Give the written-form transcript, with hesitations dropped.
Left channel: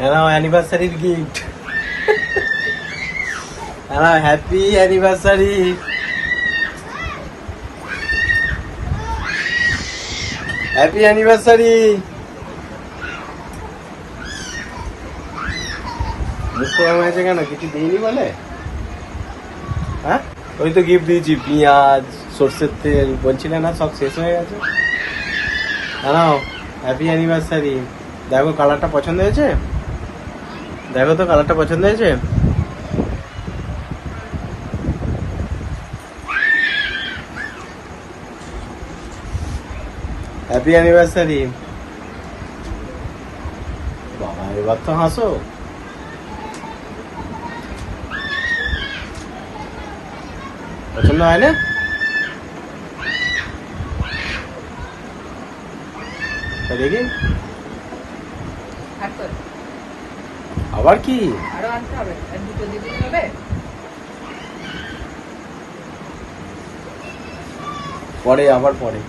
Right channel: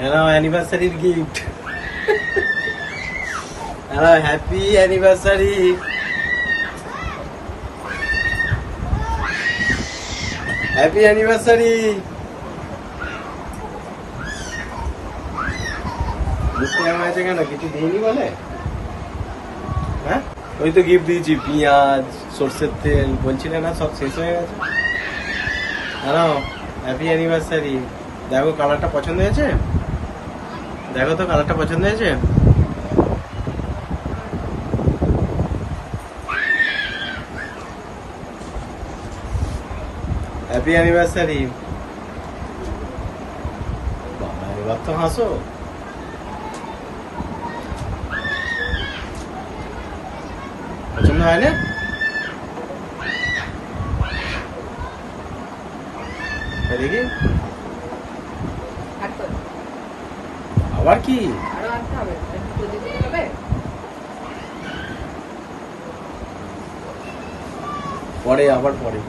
অ্যানিভার্সারির gift. Happy anniversary. Happy anniversary. আছে কেন, কিছু দিইনি বলে? হ্যাঁ, ওই তো গিফট দিয়েছি, পেঁয়াজ, সর্ষের তেল, বলছিলে না সব শেষ হয়ে গেছে। দাঁড়াও, হ্যাপি অ্যানিভার্সারি। দেখো কালারটা পছন্দ হয়েছে? দেখো তো কালারটা পছন্দ হয়েছে? Happy anniversary. বাবা, এবার তো হাসো। পছন্দ হয় না? দেখি আবার কি পরে, আবার পরে।